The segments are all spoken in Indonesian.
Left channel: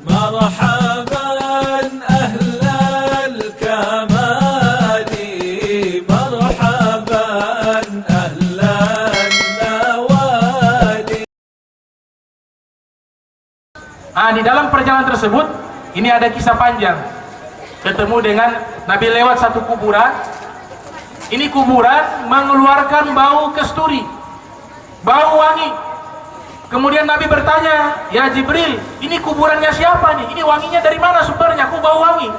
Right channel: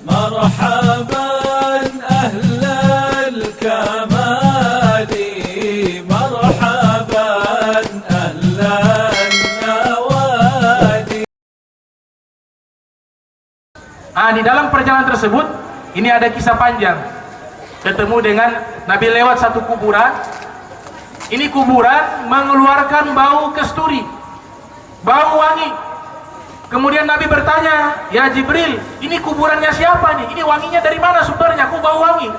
مرحبا أهل الكمال مرحبا أهل النوادي. Di dalam perjalanan tersebut ini ada kisah panjang. Ketemu dengan Nabi lewat satu kuburan. Ini kuburan mengeluarkan bau kasturi, bau wangi. Kemudian Nabi bertanya, "Ya Jibril, ini kuburannya siapa nih? Ini wanginya dari mana sumbernya? Kok bau wangi?"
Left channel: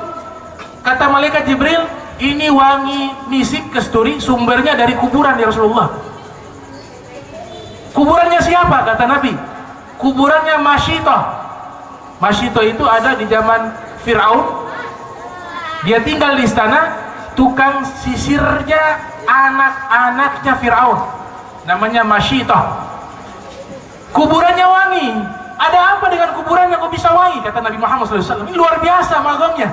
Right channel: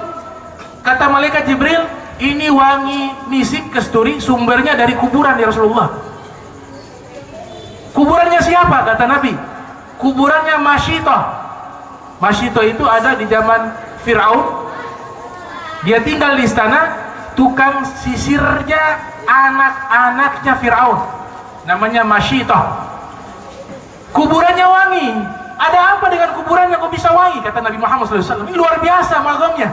Kata malaikat Jibril, "Ini wangi misik kasturi sumbernya dari kuburan ya Rasulullah." Kuburannya siapa? Kata Nabi, kuburannya Masyitah. Masyitah itu ada di zaman Fir'aun. Dia tinggal di istana, tukang sisirnya anak-anaknya Fir'aun, namanya Masyitah. Kuburannya wangi. Ada apa dengan kuburannya kok bisa wangi? Kata Nabi Muhammad SAW. Ini luar biasa magamnya.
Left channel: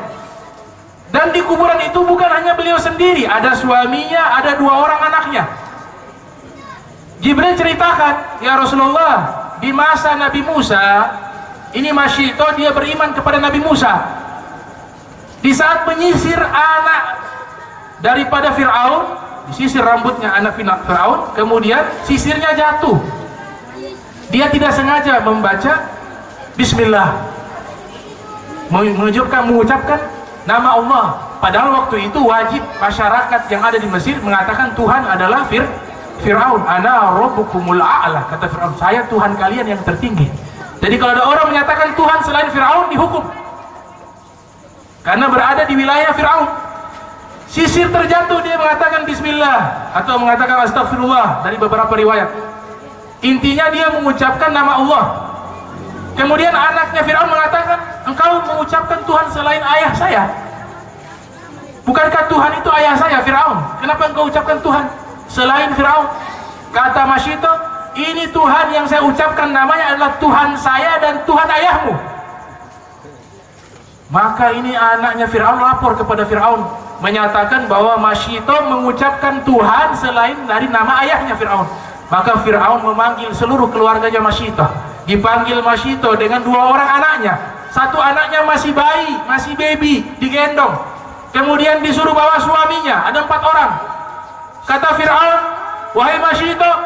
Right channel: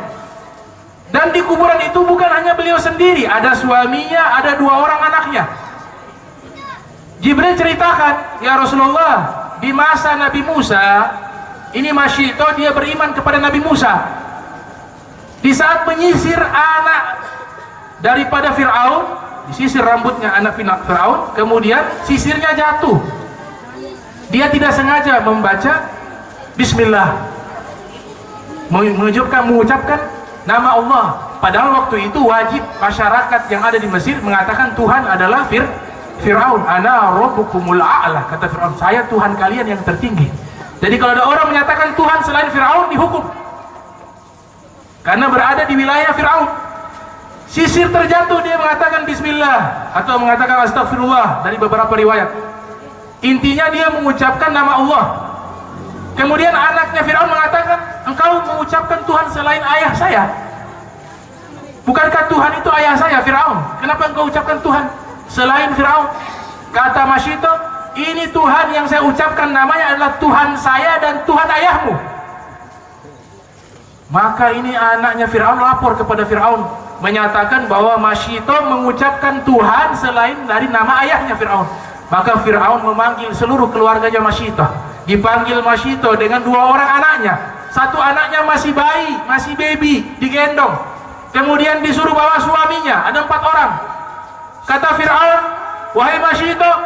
Dan di kuburan itu bukan hanya beliau sendiri, ada suaminya, ada 2 orang anaknya. Jibril ceritakan, "Ya Rasulullah, di masa Nabi Musa, ini Masyitah dia beriman kepada Nabi Musa. Di saat menyisir anak daripada Fir'aun, disisir rambutnya anak Fir'aun, kemudian sisirnya jatuh. Dia tidak sengaja membaca Bismillah, mengucapkan nama Allah. Padahal waktu itu wajib masyarakat yang ada di Mesir mengatakan Tuhan adalah Fir'aun. Ana rabbukumul a'la, kata Fir'aun, saya Tuhan kalian yang tertinggi. Jadi kalau ada orang menyatakan Tuhan selain Fir'aun, dihukum karena berada di wilayah Fir'aun. Sisir terjatuh, dia mengatakan Bismillah atau mengatakan Astagfirullah dari beberapa riwayat. Intinya dia mengucapkan nama Allah. Kemudian anaknya Fir'aun mengatakan, "Engkau mengucapkan Tuhan selain ayah saya. Bukankah Tuhan itu ayah saya, Fir'aun? Kenapa engkau ucapkan Tuhan selain Fir'aun?" Kata Masyitah, "Ini Tuhan yang saya ucapkan namanya adalah Tuhan saya dan Tuhan ayahmu." Maka ini anaknya Fir'aun lapor kepada Fir'aun, menyatakan bahwa Masyitah mengucapkan Tuhan selain dari nama ayahnya Fir'aun. Maka Fir'aun memanggil seluruh keluarganya Masyitah. Dipanggil Masyitah dengan 2 orang anaknya. Satu anaknya masih bayi, masih baby, digendong. Kemudian disuruh bawa suaminya, ada 4 orang. Kata Fir'aun, "Wahai Masyitah,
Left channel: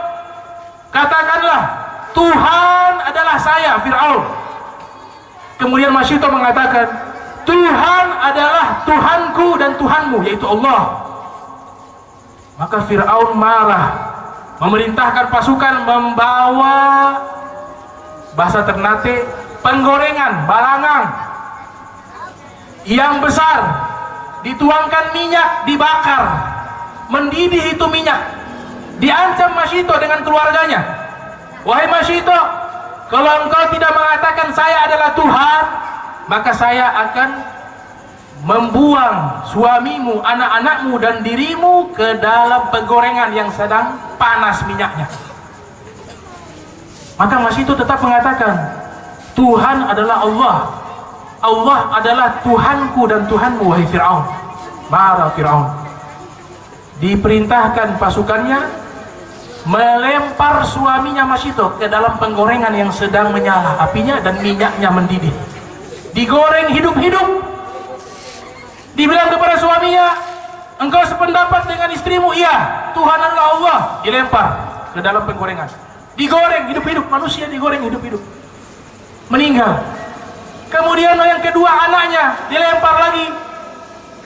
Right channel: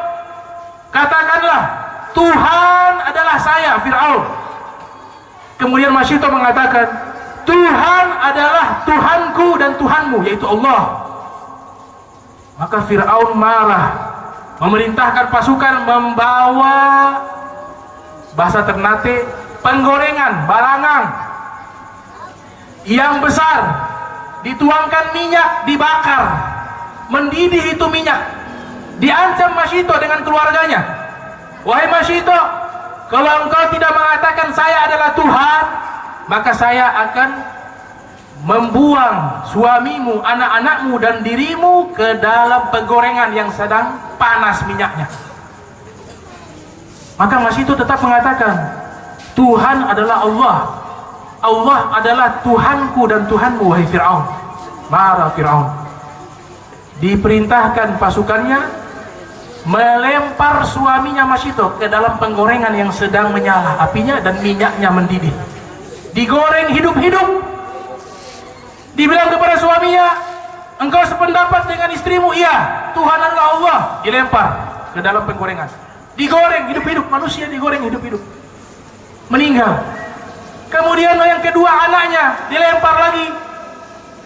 katakanlah Tuhan adalah saya, Fir'aun." Kemudian Masyitah mengatakan, "Tuhan adalah Tuhanku dan Tuhanmu, yaitu Allah." Maka Fir'aun marah, memerintahkan pasukan membawa, bahasa Ternate, penggorengan, balangang yang besar, dituangkan minyak, dibakar, mendidih itu minyak. Diancam Masyitah dengan keluarganya, "Wahai Masyitah, kalau engkau tidak mengatakan saya adalah Tuhan, maka saya akan membuang suamimu, anak-anakmu dan dirimu ke dalam penggorengan yang sedang panas minyaknya." Maka Masyitah tetap mengatakan, "Tuhan adalah Allah. Allah adalah Tuhanku dan Tuhanmu, wahai Fir'aun." Marah Fir'aun. Diperintahkan pasukannya melempar suaminya Masyitah ke dalam penggorengan yang sedang menyala apinya dan minyaknya mendidih. Digoreng hidup-hidup. Dibilang kepada suaminya, "Engkau sependapat dengan istrimu?" "Iya, Tuhan adalah Allah." Dilempar ke dalam penggorengan. Digoreng hidup-hidup, manusia digoreng hidup-hidup, meninggal. Kemudian yang kedua anaknya dilempar lagi,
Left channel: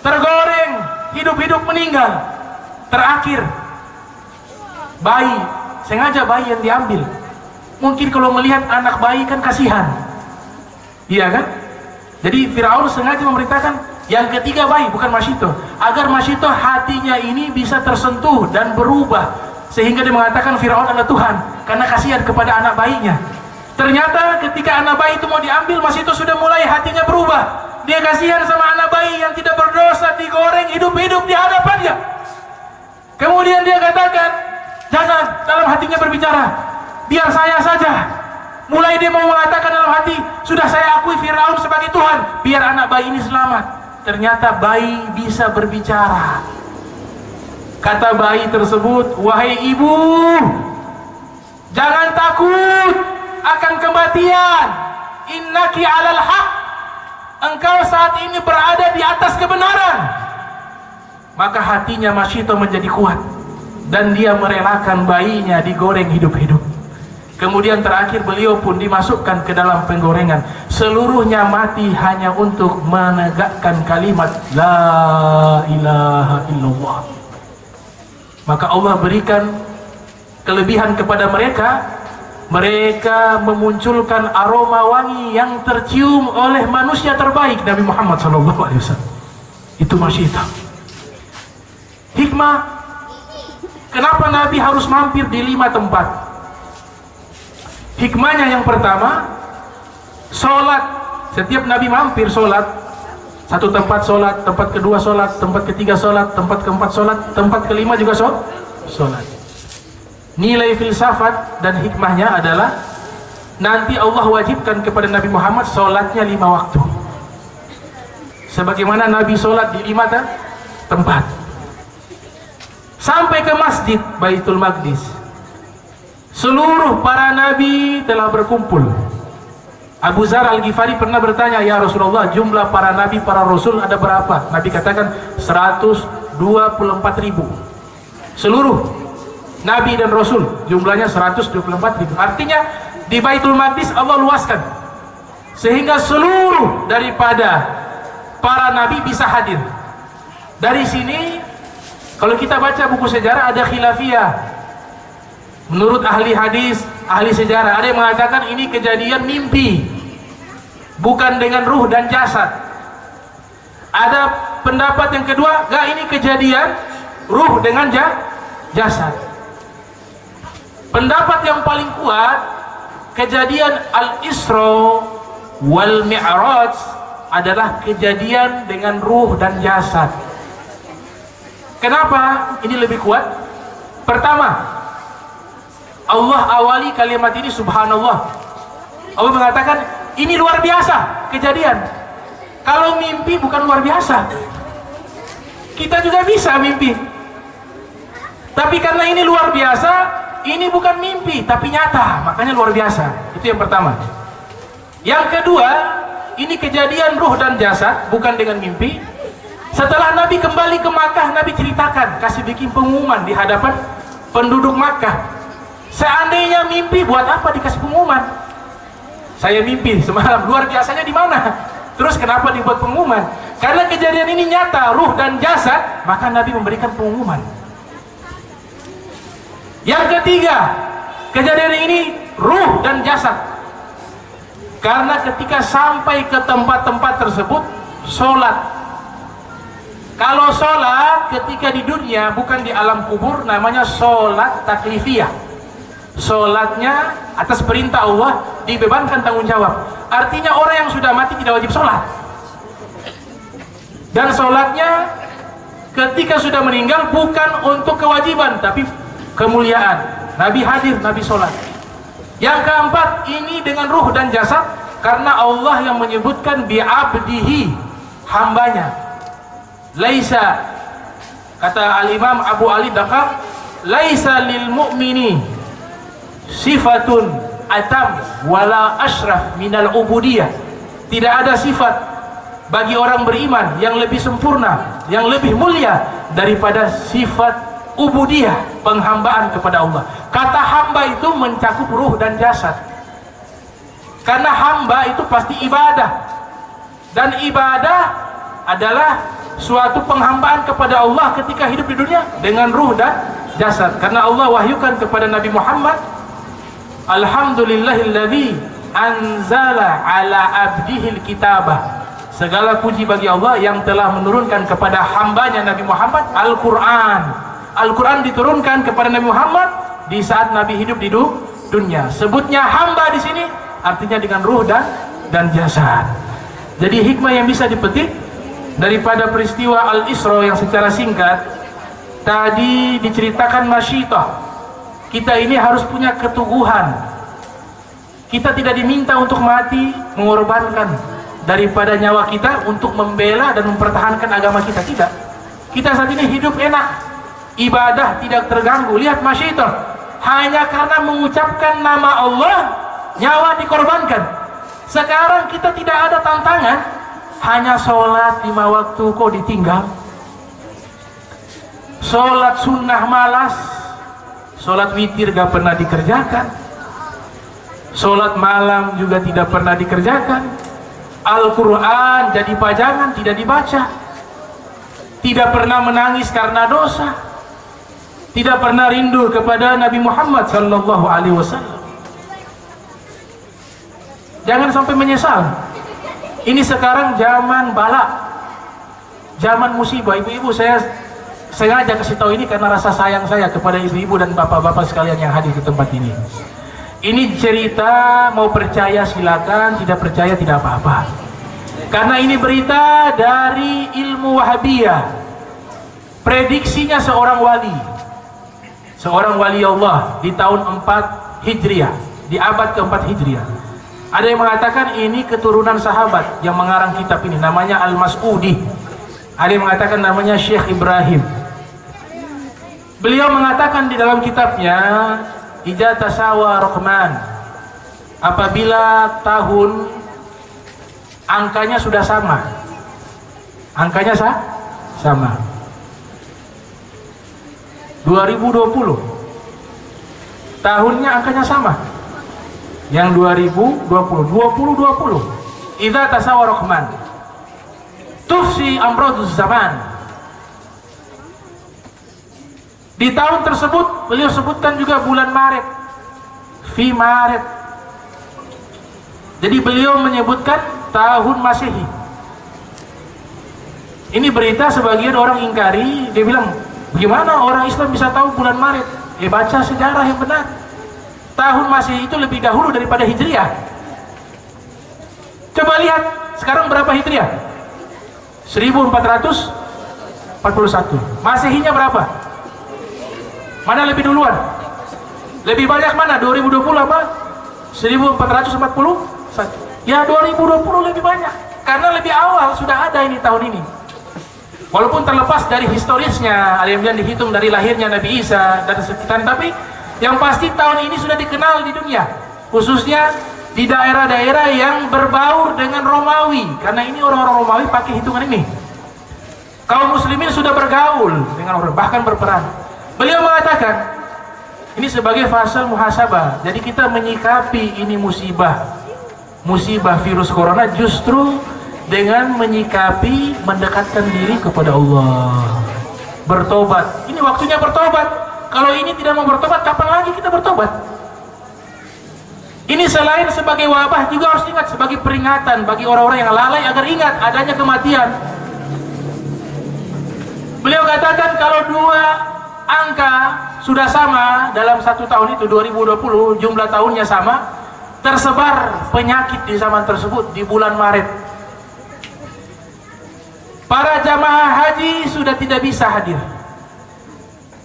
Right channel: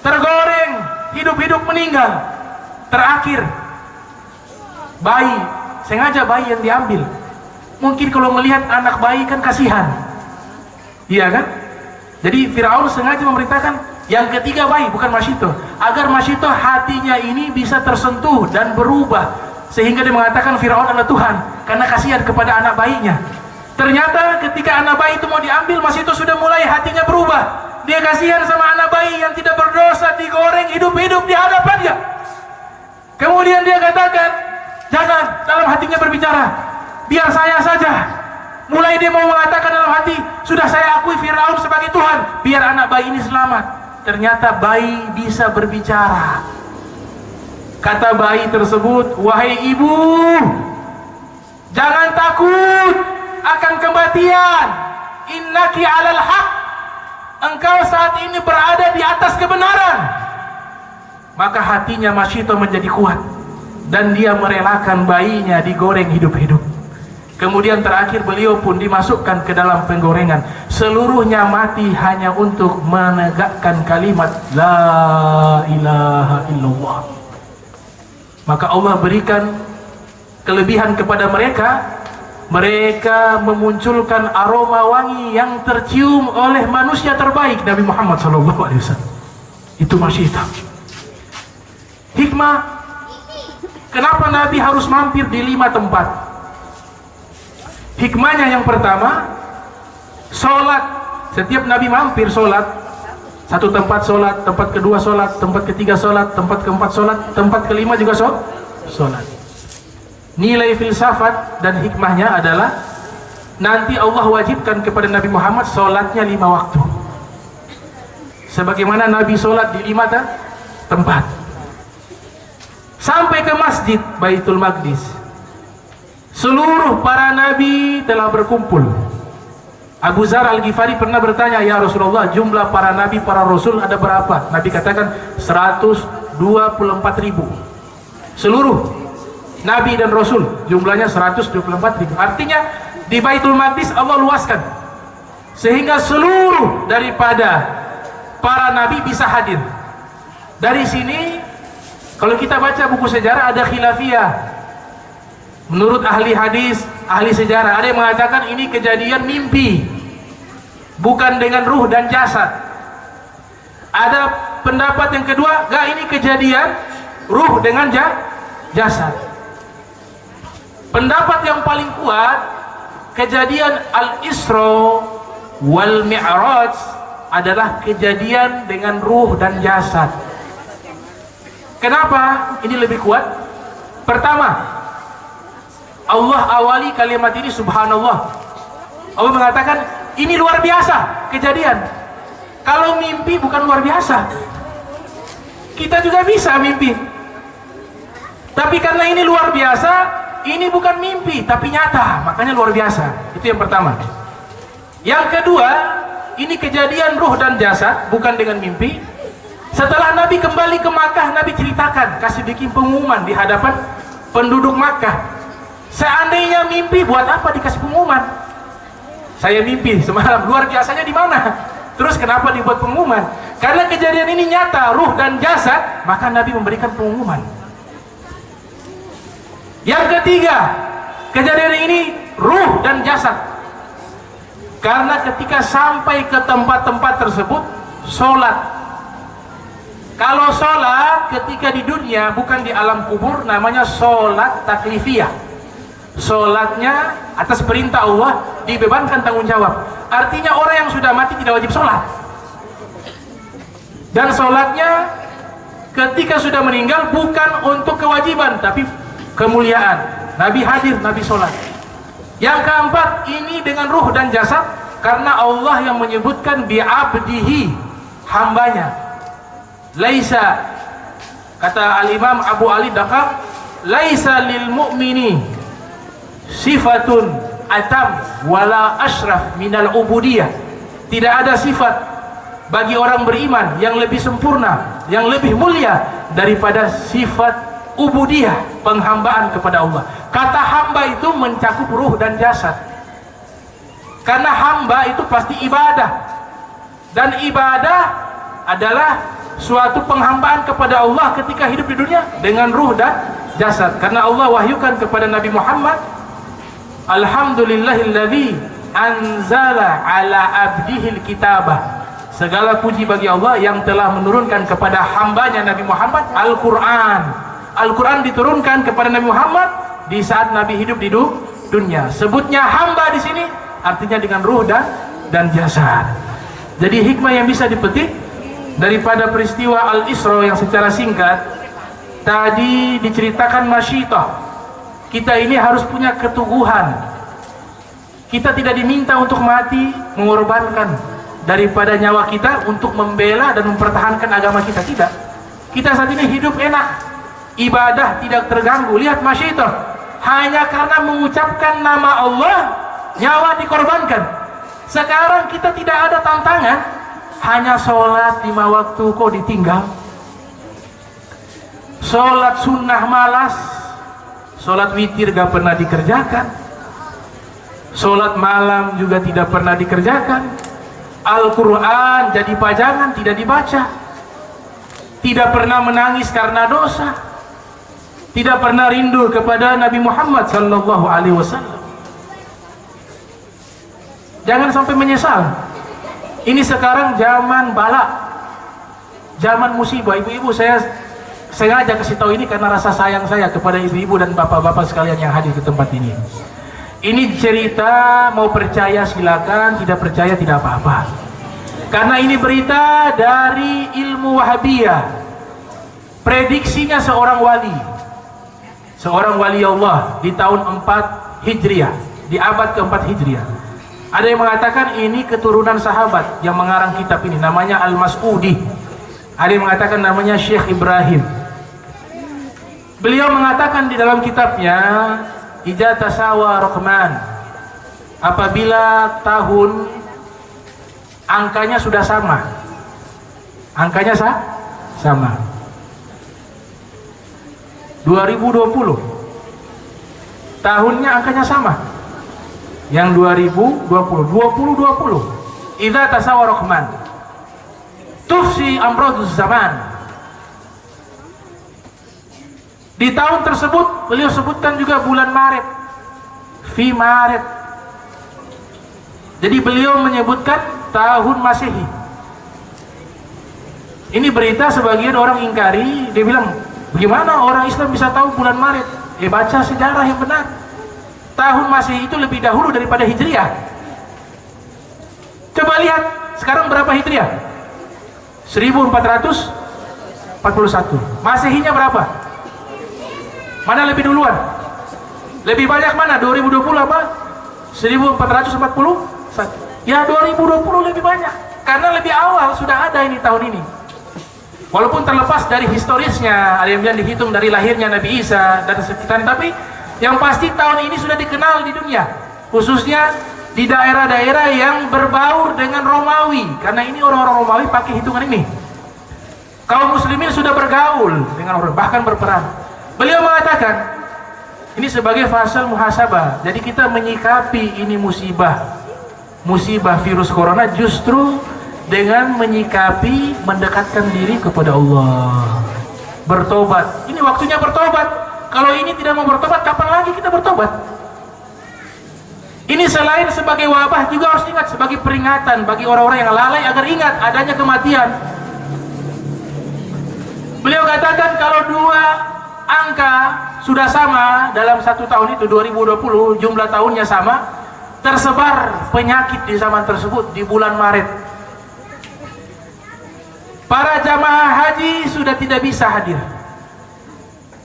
tergoreng hidup-hidup, meninggal. Terakhir bayi, sengaja bayi yang diambil. Mungkin kalau melihat anak bayi kan kasihan, iya kan? Jadi Fir'aun sengaja memerintahkan yang ketiga bayi, bukan Masyitah, agar Masyitah hatinya ini bisa tersentuh dan berubah, sehingga dia mengatakan Fir'aun adalah Tuhan karena kasihan kepada anak bayinya. Ternyata ketika anak bayi itu mau diambil, Masyitah sudah mulai hatinya berubah. Dia kasihan sama anak bayi yang tidak berdosa, digoreng hidup-hidup di hadapannya. Kemudian dia katakan, "Jangan," dalam hatinya berbicara, "biar saya saja." Mulai dia mau mengatakan dalam hati, "Sudah saya akui Fir'aun sebagai Tuhan, biar anak bayi ini selamat." Ternyata bayi bisa berbicara. Kata bayi tersebut, "Wahai ibu, jangan takut akan kematian. Innaki alal haq." engkau saat ini berada di atas kebenaran. Maka hatinya Masyito menjadi kuat dan dia merelakan bayinya digoreng hidup-hidup. Kemudian terakhir beliau pun dimasukkan ke dalam penggorengan. Seluruhnya mati hanya untuk menegakkan kalimat La ilaha illallah. Maka Allah berikan kelebihan kepada mereka. Mereka memunculkan aroma wangi yang tercium oleh manusia terbaik, Nabi Muhammad SAW. Itu Masyito. Hikmah, kenapa Nabi harus mampir di 5 tempat? Hikmahnya yang pertama, sholat. Setiap Nabi mampir sholat, satu tempat sholat, tempat kedua sholat, tempat ketiga sholat, tempat keempat sholat, tempat kelima juga sholat. Nilai filsafat dan hikmahnya adalah nanti Allah wajibkan kepada Nabi Muhammad sholatnya 5 waktu, sebagaimana Nabi sholat di 5 tempat. Sampai ke masjid Baitul Maqdis, seluruh para nabi telah berkumpul. Abu Zar Al-Ghifari pernah bertanya, ya Rasulullah, jumlah para nabi, para rasul ada berapa? Nabi katakan 124.000. Seluruh nabi dan rasul jumlahnya 124.000. Artinya di Baitul Maqdis Allah luaskan sehingga seluruh daripada para nabi bisa hadir. Dari sini kalau kita baca buku sejarah ada khilafiyah. Menurut ahli hadis, ahli sejarah, ada yang mengatakan ini kejadian mimpi, bukan dengan ruh dan jasad. Ada pendapat yang kedua, enggak, ini kejadian ruh dengan jasad. Pendapat yang paling kuat, kejadian Al-Isra wal Mi'raj adalah kejadian dengan ruh dan jasad. Kenapa ini lebih kuat? Pertama, Allah awali kalimat ini subhanallah. Allah mengatakan ini luar biasa kejadian. Kalau mimpi bukan luar biasa, kita juga bisa mimpi. Tapi karena ini luar biasa, ini bukan mimpi tapi nyata, makanya luar biasa. Itu yang pertama. Yang kedua, ini kejadian ruh dan jasad, bukan dengan mimpi. Setelah Nabi kembali ke Makkah, Nabi ceritakan, kasih bikin pengumuman di hadapan penduduk Makkah. Seandainya mimpi, buat apa dikasih pengumuman? Saya mimpi semalam, luar biasanya di mana? Terus kenapa dibuat pengumuman? Karena kejadian ini nyata, ruh dan jasad, maka Nabi memberikan pengumuman. Yang ketiga, kejadian ini ruh dan jasad. Karena ketika sampai ke tempat-tempat tersebut, sholat. Kalau sholat ketika di dunia, bukan di alam kubur, namanya sholat taklifiyah. Sholatnya atas perintah Allah, dibebankan tanggung jawab. Artinya orang yang sudah mati tidak wajib sholat. Dan sholatnya ketika sudah meninggal bukan untuk kewajiban, tapi kemuliaan. Nabi hadir, Nabi sholat. Yang keempat, ini dengan ruh dan jasad, karena Allah yang menyebutkan bi'abdihi, hambanya. Laisa, kata al-imam Abu Ali Dakar, laisa lil mu'mini sifatun atam wala ashraf minal ubudiyah. Tidak ada sifat bagi orang beriman yang lebih sempurna, yang lebih mulia daripada sifat ubudiyah, penghambaan kepada Allah. Kata hamba itu mencakup ruh dan jasad, karena hamba itu pasti ibadah, dan ibadah adalah suatu penghambaan kepada Allah ketika hidup di dunia dengan ruh dan jasad. Karena Allah wahyukan kepada Nabi Muhammad, alhamdulillahilladzi anzala ala abdihil kitabah. Segala puji bagi Allah yang telah menurunkan kepada hambanya Nabi Muhammad Al-Quran. Al-Quran diturunkan kepada Nabi Muhammad di saat Nabi hidup di dunia. Sebutnya hamba di sini artinya dengan ruh dan jasad. Jadi hikmah yang bisa dipetik daripada peristiwa Al-Isra yang secara singkat tadi diceritakan Masyitah, kita ini harus punya keteguhan. Kita tidak diminta untuk mati, mengorbankan daripada nyawa kita untuk membela dan mempertahankan agama kita. Tidak. Kita saat ini hidup enak, ibadah tidak terganggu. Lihat Masyitah, hanya karena mengucapkan nama Allah, nyawa dikorbankan. Sekarang kita tidak ada tantangan hanya sholat 5 waktu kok ditinggal. Sholat sunnah malas, sholat witir gak pernah dikerjakan, sholat malam juga tidak pernah dikerjakan, Al-Quran jadi pajangan tidak dibaca, tidak pernah menangis karena dosa, tidak pernah rindu kepada Nabi Muhammad sallallahu alaihi wasallam. Jangan sampai menyesal. Ini sekarang zaman bala, zaman musibah. Ibu-ibu, saya sengaja kasih tahu ini karena rasa sayang saya kepada ibu-ibu dan bapak-bapak sekalian yang hadir di tempat ini. Ini cerita, mau percaya silakan, tidak percaya tidak apa-apa. Karena ini berita dari ilmu Wahabiyah. Prediksinya seorang wali Allah di tahun 4 Hijriah, di abad ke-4 Hijriah. Ada yang mengatakan ini keturunan sahabat yang mengarang kitab ini, namanya Al-Mas'udi. Ada yang mengatakan namanya Syekh Ibrahim. Beliau mengatakan di dalam kitabnya, Idza tasawa Rahman, apabila tahun angkanya sudah sama, angkanya sama, 2020 tahunnya angkanya sama, yang 2020 Idza tasawa Rahman tufsi amraduz zaman. Di tahun tersebut beliau sebutkan juga bulan Maret, fi Maret. Jadi beliau menyebutkan tahun Masehi. Ini berita sebagian orang ingkari, dia bilang, bagaimana orang Islam bisa tahu bulan Maret? Baca sejarah yang benar. Tahun Masehi itu lebih dahulu daripada Hijriah. Coba lihat sekarang berapa Hijriah? 1441. Masehinya berapa? Mana lebih duluan? Lebih banyak mana? 2020 apa? 1441? Ya 2020 lebih banyak. Karena lebih awal sudah ada ini tahun ini. Walaupun terlepas dari historisnya, ada yang bilang dihitung dari lahirnya Nabi Isa dan sekitar, tapi yang pasti tahun ini sudah dikenal di dunia, khususnya di daerah-daerah yang berbaur dengan Romawi. Karena ini orang-orang Romawi pakai hitungan ini. Kaum muslimin sudah bergaul dengan orang, bahkan berperang. Beliau mengatakan ini sebagai fase muhasabah. Jadi kita menyikapi ini musibah virus corona justru dengan menyikapi mendekatkan diri kepada Allah, bertobat. Ini waktunya bertobat. Kalau ini tidak mau bertobat, kapan lagi kita bertobat? Ini selain sebagai wabah juga harus ingat sebagai peringatan bagi orang-orang yang lalai agar ingat adanya kematian. Beliau katakan kalau dua angka sudah sama dalam satu tahun itu 2020, jumlah tahunnya sama, tersebar penyakit di zaman tersebut di bulan Maret. Para jamaah haji sudah tidak bisa hadir.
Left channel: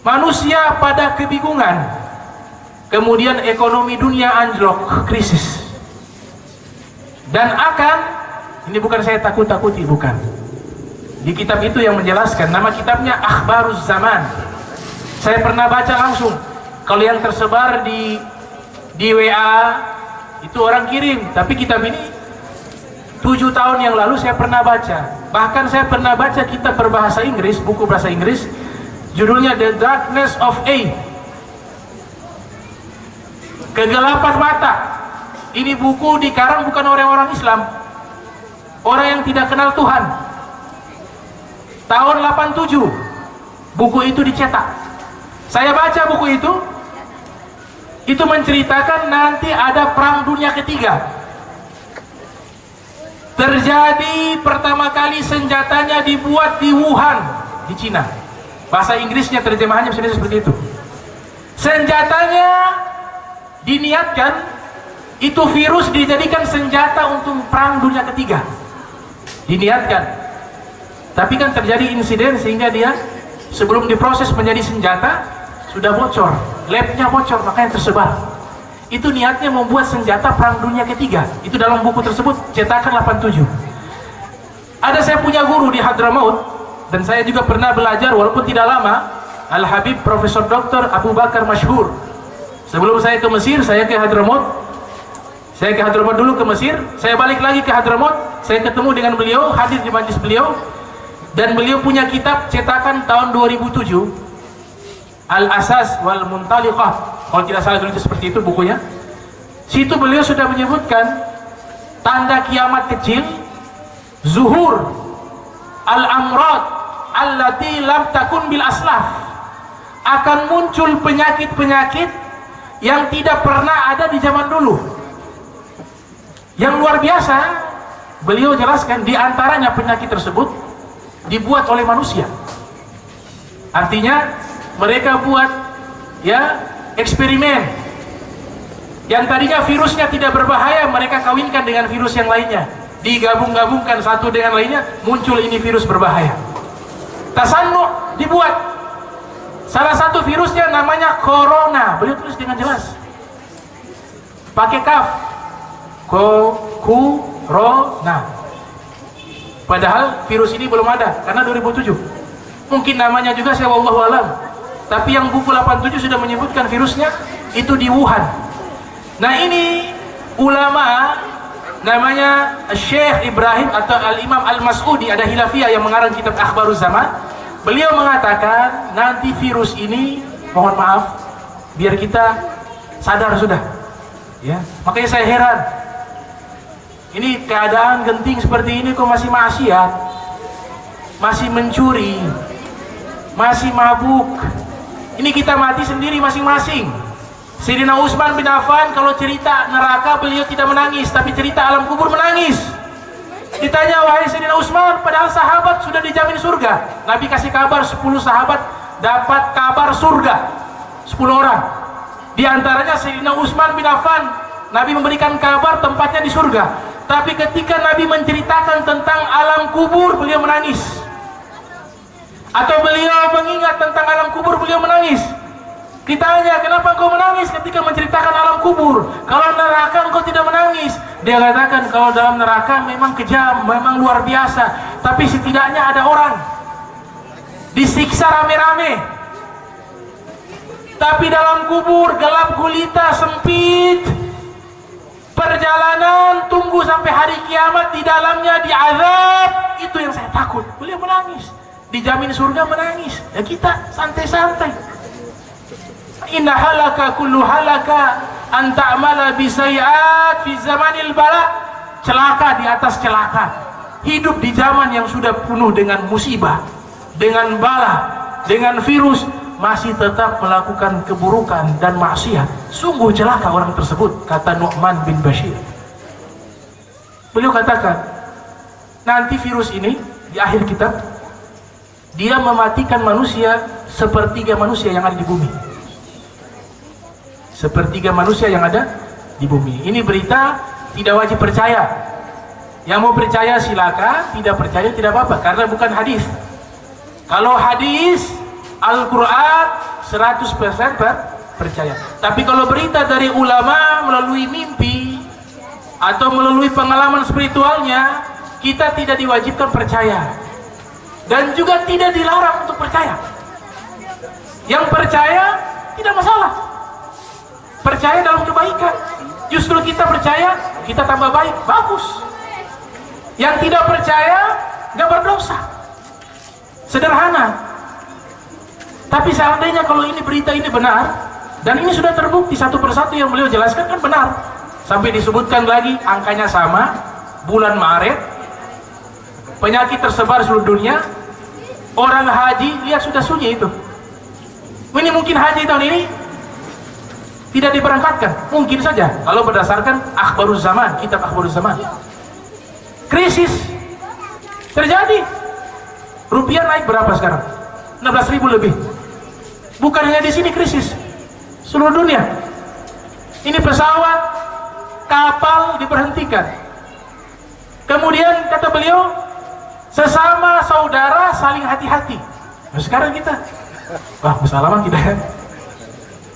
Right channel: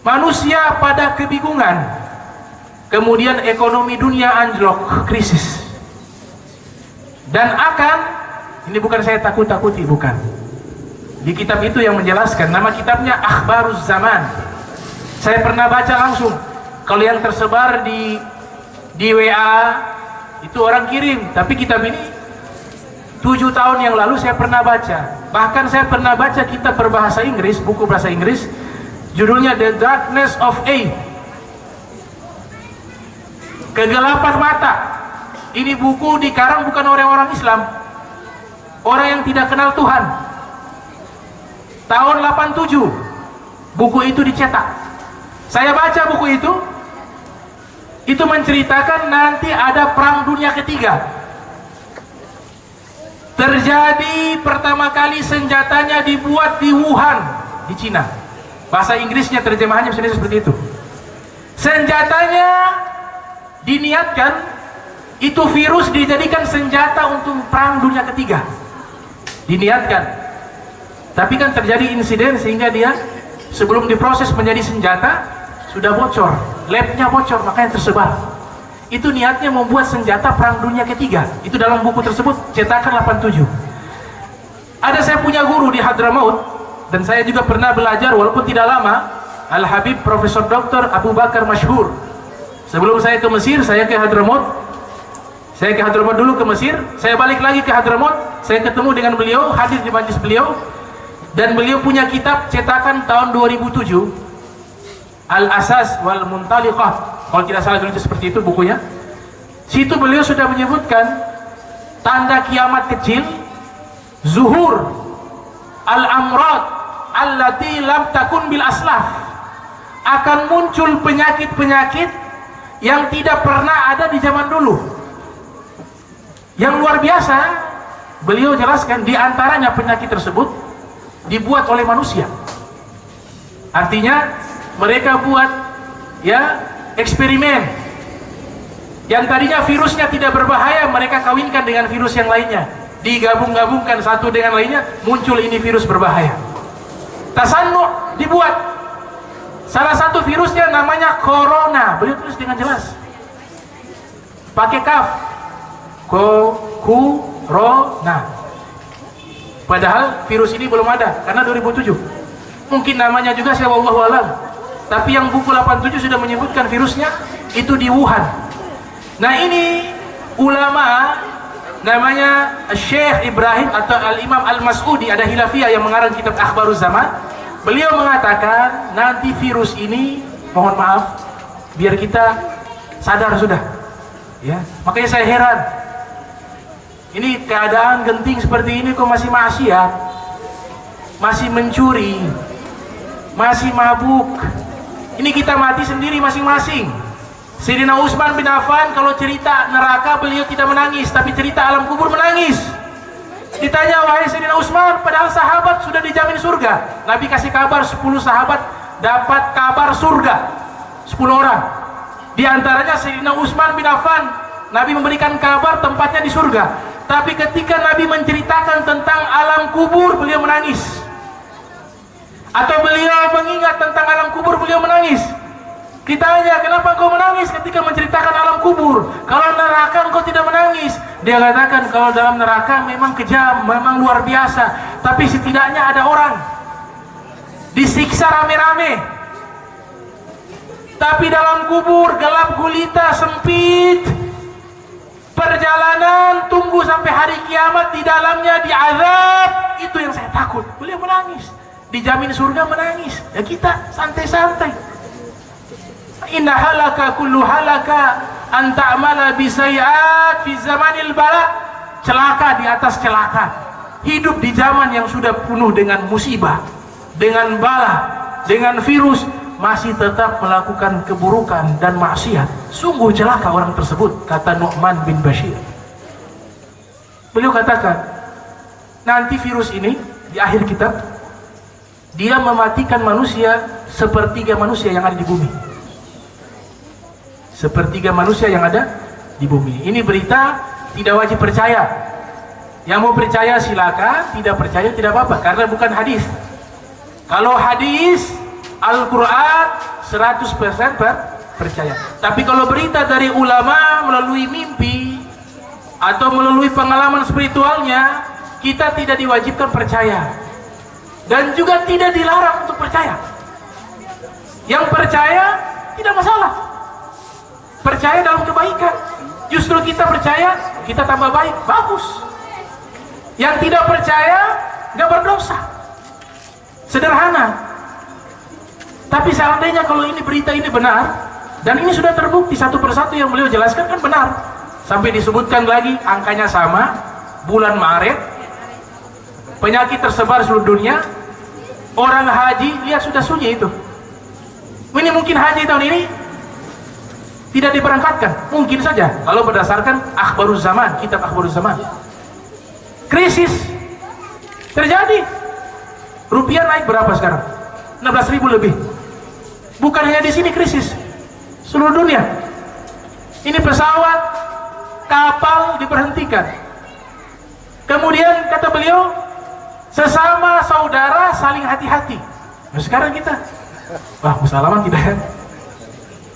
Manusia pada kebingungan. Kemudian ekonomi dunia anjlok, krisis. Dan akan, ini bukan saya takut-takuti, bukan. Di kitab itu yang menjelaskan, nama kitabnya Akhbaruz Zaman. Saya pernah baca langsung. Kalau yang tersebar di WA itu orang kirim, tapi kitab ini 7 tahun yang lalu saya pernah baca. Bahkan saya pernah baca kitab berbahasa Inggris, buku bahasa Inggris, judulnya The Darkness of Age, Kegelapan Mata. Ini buku dikarang bukan orang-orang Islam, orang yang tidak kenal Tuhan. Tahun 87 buku itu dicetak. Saya baca buku itu menceritakan nanti ada perang dunia ketiga. Terjadi pertama kali senjatanya dibuat di Wuhan, di Cina. Bahasa Inggrisnya terjemahannya seperti itu. Senjatanya diniatkan, itu virus dijadikan senjata untuk perang dunia ketiga. Diniatkan. Tapi kan terjadi insiden sehingga dia sebelum diproses menjadi senjata sudah bocor, labnya bocor, makanya tersebar. Itu niatnya membuat senjata perang dunia ketiga. Itu dalam buku tersebut, cetakan 87. Ada saya punya guru di Hadramaut, dan saya juga pernah belajar walaupun tidak lama, Al-Habib Profesor Dr. Abu Bakar Masyhur. Sebelum saya ke Mesir, saya ke Hadramaut. Saya ke Hadramaut dulu, ke Mesir, saya balik lagi ke Hadramaut, saya ketemu dengan beliau, hadir di majlis beliau, dan beliau punya kitab cetakan tahun 2007, Al-Asas wal Muntaliqah, kalau tidak salah dulu itu seperti itu bukunya. Situ beliau sudah menyebutkan tanda kiamat kecil, zuhur al-amrad allati lam takun bil aslaf, akan muncul penyakit-penyakit yang tidak pernah ada di zaman dulu. Yang luar biasa, beliau jelaskan di antaranya penyakit tersebut dibuat oleh manusia. Artinya mereka buat ya eksperimen. Yang tadinya virusnya tidak berbahaya, mereka kawinkan dengan virus yang lainnya. Digabung-gabungkan satu dengan lainnya, muncul ini virus berbahaya. Tasannu dibuat. Salah satu virusnya namanya corona. Beliau tulis dengan jelas. Pakai kaf. Corona. Padahal virus ini belum ada karena 2007. Mungkin namanya juga saya wallahu alam. Tapi yang buku 87 sudah menyebutkan virusnya itu di Wuhan. Nah, ini ulama namanya Syekh Ibrahim atau Al-Imam Al-Mas'udi, ada Hilafiyah yang mengarang kitab Akhbaruz Zaman. Beliau mengatakan nanti virus ini, mohon maaf, biar kita sadar sudah. Ya, makanya saya heran. Ini keadaan genting seperti ini kok masih maksiat, masih mencuri, masih mabuk. Ini kita mati sendiri masing-masing. Sayyidina Utsman bin Affan kalau cerita neraka beliau tidak menangis, tapi cerita alam kubur menangis. Ditanya, wahai Sayyidina Utsman, padahal sahabat sudah dijamin surga. Nabi kasih kabar 10 sahabat dapat kabar surga. 10 orang. Di antaranya Sayyidina Utsman bin Affan, Nabi memberikan kabar tempatnya di surga. Tapi ketika Nabi menceritakan tentang alam kubur, beliau menangis. Atau beliau mengingat tentang alam kubur, beliau menangis. Ditanya, kenapa engkau menangis ketika menceritakan alam kubur? Kalau neraka engkau tidak menangis. Dia katakan, kalau dalam neraka memang kejam, memang luar biasa. Tapi setidaknya ada orang disiksa rame-rame. Tapi dalam kubur gelap gulita, sempit. Perjalanan tunggu sampai hari kiamat, di dalamnya diazab. Itu yang saya takut. Beliau menangis. Dijamin surga menangis. Ya kita santai-santai. Inna halaka kullu halaka an ta'mala bisayiat fi zamanil bala. Celaka di atas celaka. Hidup di zaman yang sudah penuh dengan musibah, dengan bala, dengan virus, masih tetap melakukan keburukan dan maksiat. Sungguh celaka orang tersebut, kata Nu'man bin Bashir. Beliau katakan, nanti virus ini di akhir kitab, dia mematikan manusia sepertiga manusia yang ada di bumi. Sepertiga manusia yang ada di bumi. Ini berita tidak wajib percaya. Yang mau percaya silakan, tidak percaya tidak apa-apa, karena bukan hadis. Kalau hadis Al-Quran 100% percaya. Tapi kalau berita dari ulama melalui mimpi atau melalui pengalaman spiritualnya, kita tidak diwajibkan percaya. Dan juga tidak dilarang untuk percaya. Yang percaya tidak masalah. Percaya dalam kebaikan. Justru kita percaya, kita tambah baik, bagus. Yang tidak percaya, nggak berdosa. Sederhana. Tapi seandainya kalau ini berita ini benar, dan ini sudah terbukti satu persatu yang beliau jelaskan kan benar. Sampai disebutkan lagi angkanya sama, bulan Maret, penyakit tersebar seluruh dunia, orang haji, lihat sudah sunyi itu. Ini mungkin haji tahun ini tidak diberangkatkan, mungkin saja kalau berdasarkan Akhbaruz Zaman, kitab Akhbaruz Zaman. Krisis terjadi, rupiah naik berapa sekarang? 16.000 lebih. Bukan hanya di sini krisis, seluruh dunia. Ini pesawat, kapal diberhentikan. Kemudian kata beliau, sesama saudara saling hati-hati. Nah, sekarang kita, wah bersalaman kita ya,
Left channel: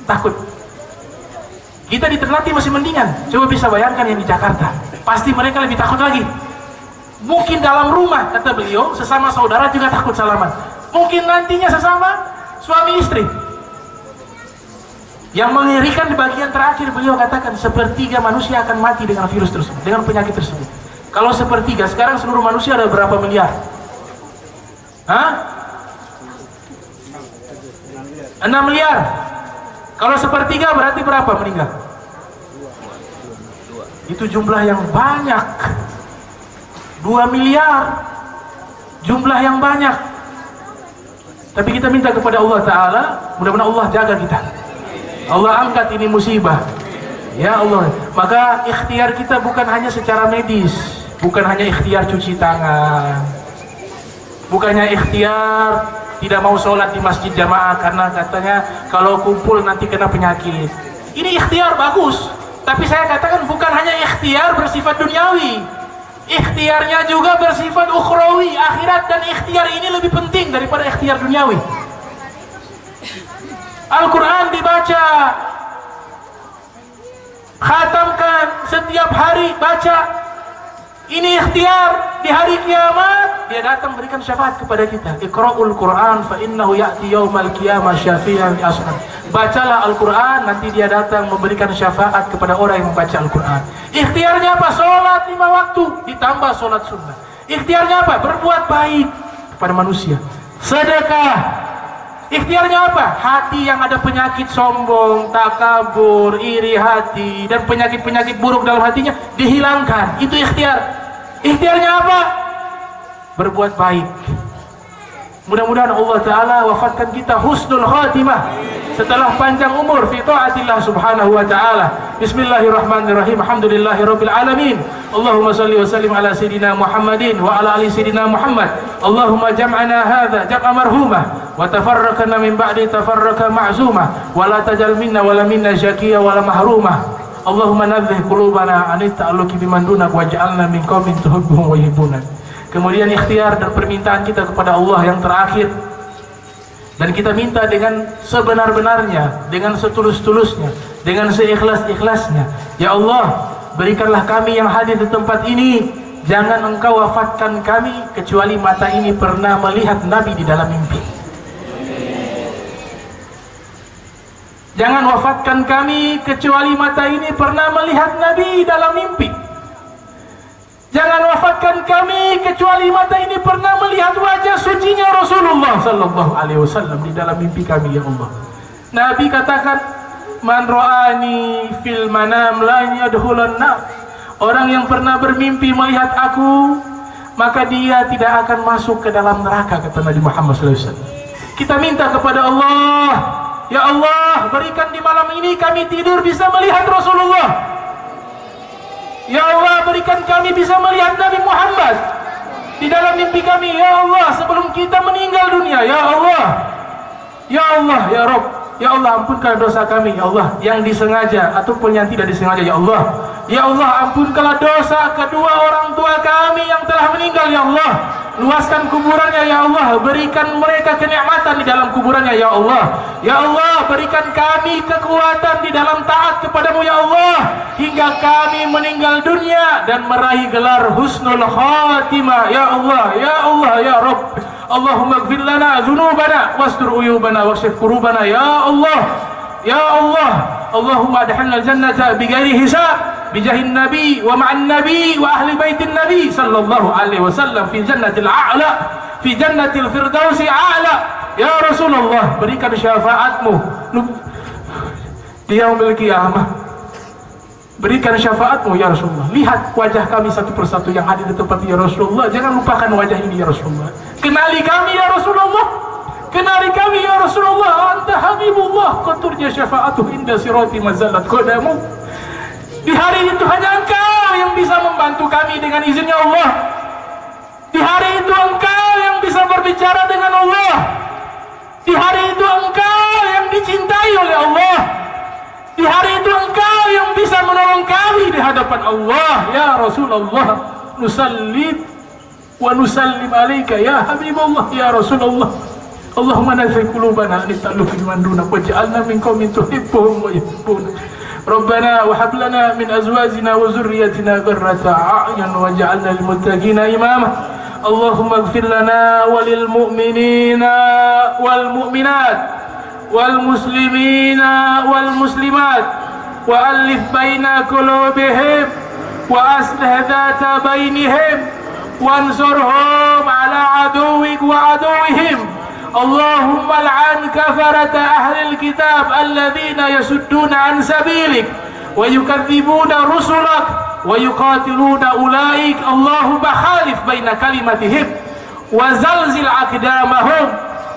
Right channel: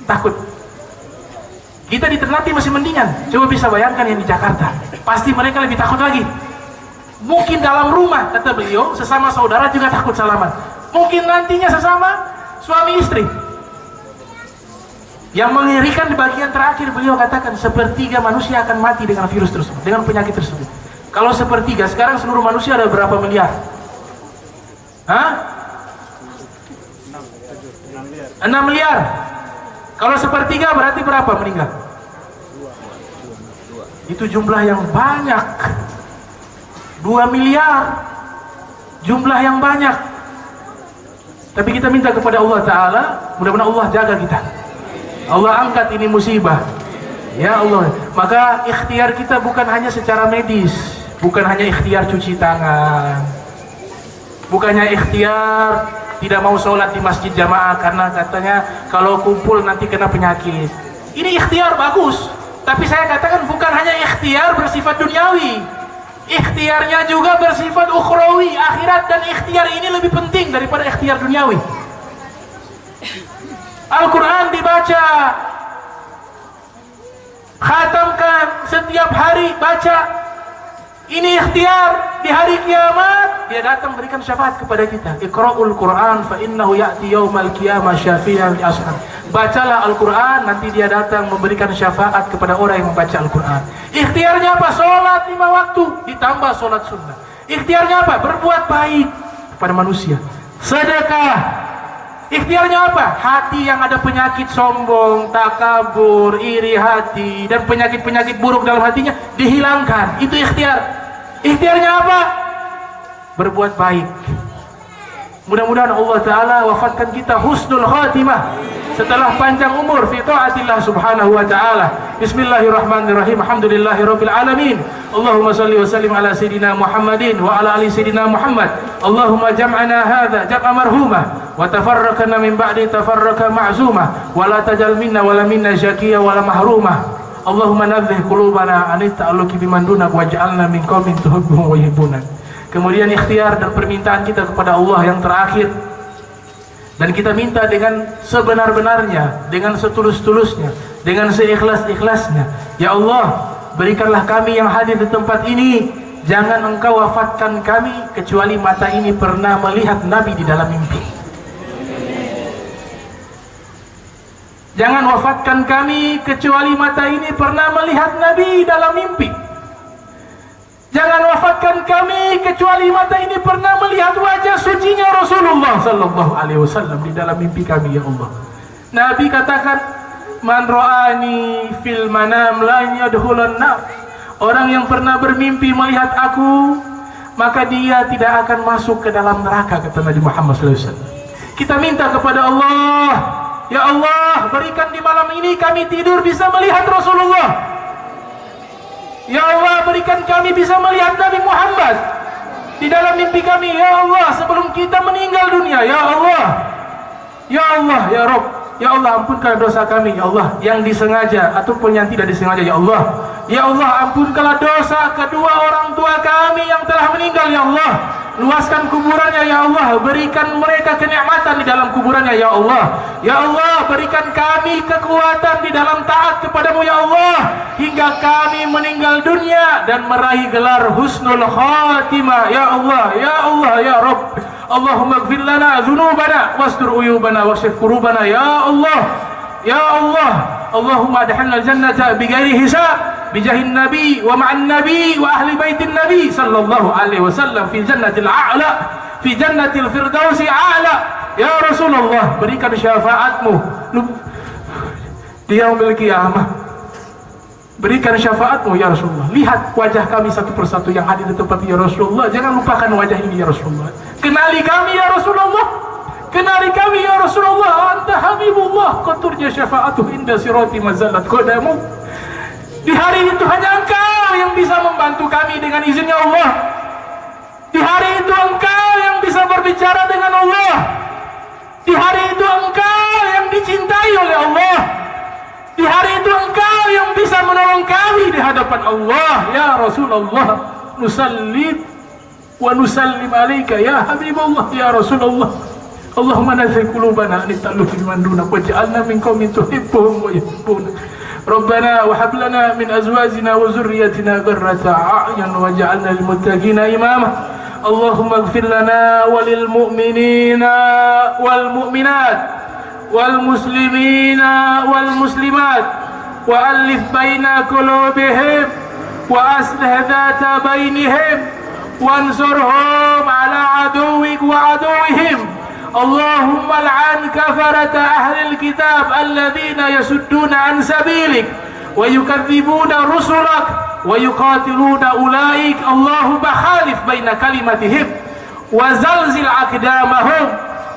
takut. Kita di Ternate masih mendingan. Coba bisa bayangkan yang di Jakarta, pasti mereka lebih takut lagi. Mungkin dalam rumah, kata beliau, sesama saudara juga takut salaman. Mungkin nantinya sesama suami istri. Yang mengerikan di bagian terakhir beliau katakan sepertiga manusia akan mati dengan virus tersebut, dengan penyakit tersebut. Kalau sepertiga, sekarang seluruh manusia ada berapa miliar? Hah? 6 miliar. Kalau sepertiga berarti berapa meninggal? Itu jumlah yang banyak. 2 miliar. Jumlah yang banyak. Tapi kita minta kepada Allah Ta'ala, mudah-mudahan Allah jaga kita. Allah angkat ini musibah. Ya Allah. Maka ikhtiar kita bukan hanya secara medis, bukan hanya ikhtiar cuci tangan, bukannya ikhtiar tidak mau sholat di masjid jamaah karena katanya kalau kumpul nanti kena penyakit. Ini ikhtiar bagus, tapi saya katakan bukan hanya ikhtiar bersifat duniawi, ikhtiarnya juga bersifat ukhrawi, akhirat, dan ikhtiar ini lebih penting daripada ikhtiar duniawi. Al-Quran dibaca, khatamkan setiap hari, baca. Ini ikhtiar. Di hari kiamat dia datang berikan syafaat kepada kita. Iqra'ul Quran fa innahu ya'ti yaumal qiyamah syafi'an li ashab. Bacalah Al-Quran, nanti dia datang memberikan syafaat kepada orang yang membaca Al-Quran. Ikhtiarnya apa? Sholat 5 waktu ditambah sholat sunnah. Ikhtiarnya apa? Berbuat baik kepada manusia. Sedekah. Ikhtiarnya apa? Hati yang ada penyakit sombong, takabur, iri hati, dan penyakit-penyakit buruk dalam hatinya dihilangkan. Itu ikhtiar. Ikhtiarnya apa? Berbuat baik. Mudah-mudahan Allah Ta'ala wafatkan kita husnul khatimah setelah panjang umur fi ta'atillah subhanahu wa ta'ala. Bismillahirrahmanirrahim. Alhamdulillahi rabbil alamin. Allahumma salli wa sallim ala sayyidina Muhammadin wa ala ali sayyidina Muhammad. Allahumma jam'ana hadha jam'a marhumah wa tafarraqana min ba'di tafarraqa ma'zumah wa la tajal minna wa la minna syaqiyya wa la mahrumah. Allahumma nadzih qulubana anit ta'alluqi biman dunak waj'alna min qaumin tuhibbuhum wa yuhibbuna. Kemudian ikhtiar dan permintaan kita kepada Allah yang terakhir, dan kita minta dengan sebenar-benarnya, dengan setulus-tulusnya, dengan seikhlas-ikhlasnya. Ya Allah, berikanlah kami yang hadir di tempat ini, jangan Engkau wafatkan kami kecuali mata ini pernah melihat Nabi di dalam mimpi. Jangan wafatkan kami kecuali mata ini pernah melihat Nabi dalam mimpi. Jangan wafatkan kami kecuali mata ini pernah melihat wajah sucinya Rasulullah sallallahu alaihi wasallam di dalam mimpi kami, ya Allah. Nabi katakan, "Man ra'ani fil manam la yadkhulan nar." Orang yang pernah bermimpi melihat aku, maka dia tidak akan masuk ke dalam neraka, kata Nabi Muhammad sallallahu alaihi wasallam. Kita minta kepada Allah, ya Allah, berikan di malam ini kami tidur bisa melihat Rasulullah. Ya Allah, berikan kami bisa melihat Nabi Muhammad di dalam mimpi kami, ya Allah, sebelum kita meninggal dunia, ya Allah. Ya Allah, ya Rabb, ya Allah, ampunkan dosa kami, ya Allah, yang disengaja ataupun yang tidak disengaja, ya Allah. Ya Allah, ampunkanlah dosa kedua orang tua kami yang telah meninggal, ya Allah. Luaskan kuburannya, ya Allah. Berikan mereka kenikmatan di dalam kuburannya, ya Allah. Ya Allah, berikan kami kekuatan di dalam taat kepadamu, ya Allah, hingga kami meninggal dunia dan meraih gelar husnul khatimah, ya Allah. Ya Allah, ya Rabb, Allahumma ighfir lana dzunubana wastur uyubana waksif kurubana, ya Allah. Ya Allah, Allahumma adkhilna al-jannata bighairi hisab bijahin nabi wa ma'an nabi wa ahli baitin nabi sallallahu alaihi wasallam fi jannatil a'la fi jannatil firdausi a'la. Ya Rasulullah, berikan syafaatmu di yaumil qiyamah. Berikan syafaatmu, ya Rasulullah. Lihat wajah kami satu persatu yang hadir di tempat, ya Rasulullah. Jangan lupakan wajah ini, ya Rasulullah. Kenali kami, ya Rasulullah. Kenali kami, ya Rasulullah. Anta Habibullah, qaturja syafa'atuh inda sirati mazalat qadamu. Di hari itu hanya Engkau yang bisa membantu kami dengan izinnya Allah. Di hari itu Engkau yang bisa berbicara dengan Allah. Di hari itu Engkau yang dicintai oleh Allah. Di hari itu Engkau yang bisa menolong kami di hadapan Allah. Ya Rasulullah, nusallim wa nusallim alaika ya Habibullah, ya Rasulullah. Allahumma nazil qulubana an ta'alluqi biman dunak waj'alna min qaumin tuhibbuhum wa yuhibbuna. Rabbana wa hab lana min azwajina wa dhurriyyatina qurrata a'yun waj'alna lil muttaqina imama. Allahumma ighfir lana walil mu'minina wal mu'minat والمسلمين والمسلمات وألف بين قلوبهم وأصلح ذات بينهم وانصرهم على عدوك وعدوهم. اللهم العن كفرة أهل الكتاب الذين يصدون عن سبيلك ويكذبون رسلك ويقاتلون أولئك. اللهم خالف بين كلمتهم وزلزل أقدامهم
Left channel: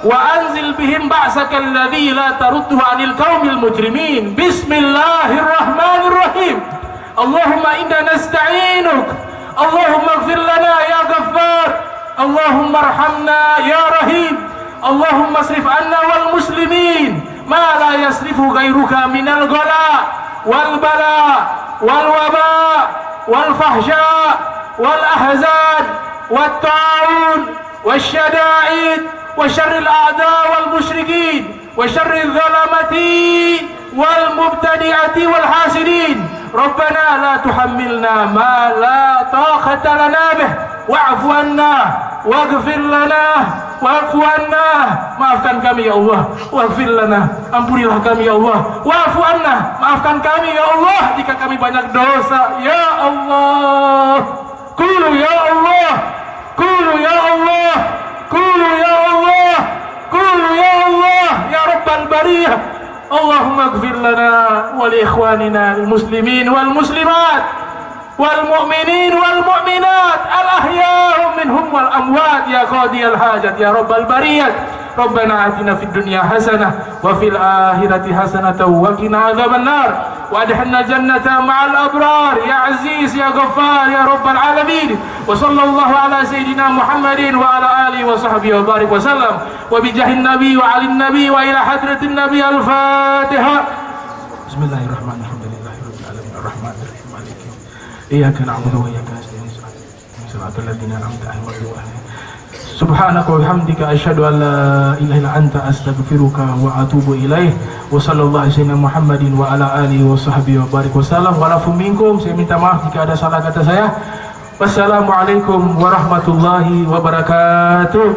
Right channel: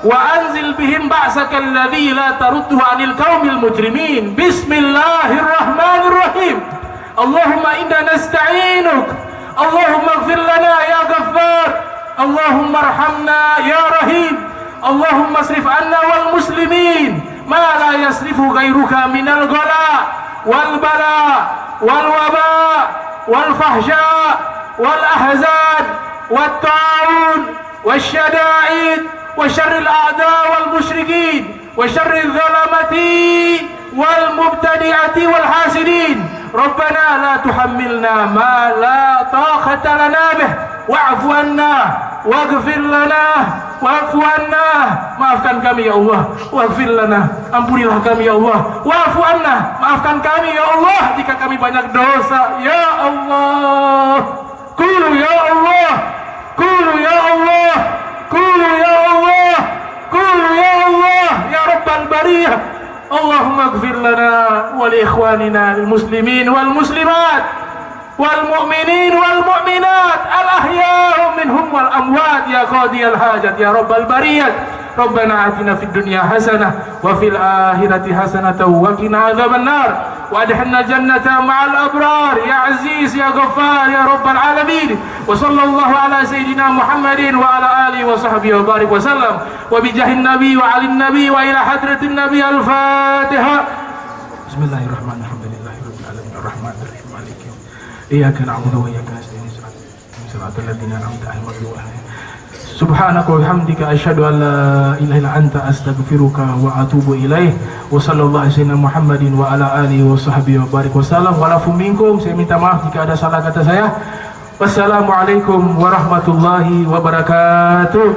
وأنزل بهم بأسك الذي لا ترده عن القوم المجرمين. بسم الله الرحمن الرحيم. اللهم إنا نستعينك. اللهم اغفر لنا يا غفار. اللهم ارحمنا يا رحيم. اللهم اصرف عنا والمسلمين ما لا يصرف غيرك من الغلاء والبلاء والوباء والفحشاء والأحزان والطاعون والشدائد وشر الأعداء والمشركين وشر الظلمة والمبتدعة والحاسدين. ربنا لا تحملنا ما لا طاقة لنا به واعف عنا واغفir lana wa'fu anna. Maafkan kami ya Allah. Waghfir lana, ampunilah kami ya Allah. Wa'fu anna, maafkan kami ya Allah jika kami banyak dosa. Ya Allah, qulu ya Allah, qulu ya Allah, qulu ya Allah, qulu ya Allah ya Rabbal bariyah. Allahumma ighfir lana wa li ikhwanina al-muslimin wal muslimat wal mu'minin wal mu'minat al-ahya minhum wal amwat ya qadiyal hajat ya Rabbal bariyat. Rabbana atina fid dunya hasanah wa fil akhirati hasanah wa qina adzaban nar wa adkhilna jannata ma'al abrar ya aziz ya ghaffar ya Rabbal alamin. Wa sallallahu ala sayyidina Muhammadin wa ala alihi wa sahbihi wa barik wa sallam wa bi jahin nabi wa alin nabi wa ila hadratin nabi. Al-Fatiha. Bismillahirrahmanirrahim. Ar-Rahmanir-Rahim. Maliki iyyaka na'budu wa iyyaka nasta'in. Siratal ladzina an'amta 'alaihim. Subhanaka wa bihamdika asyhadu an la ilaha illa anta astaghfiruka wa atubu ilaih. Wa sallallahu alaihi wasallam Muhammadin wa ala alihi wa sahbihi wa barik wasallam. Wa lafu minkum, saya minta maaf jika ada salah kata saya. Wassalamualaikum warahmatullahi wabarakatuh.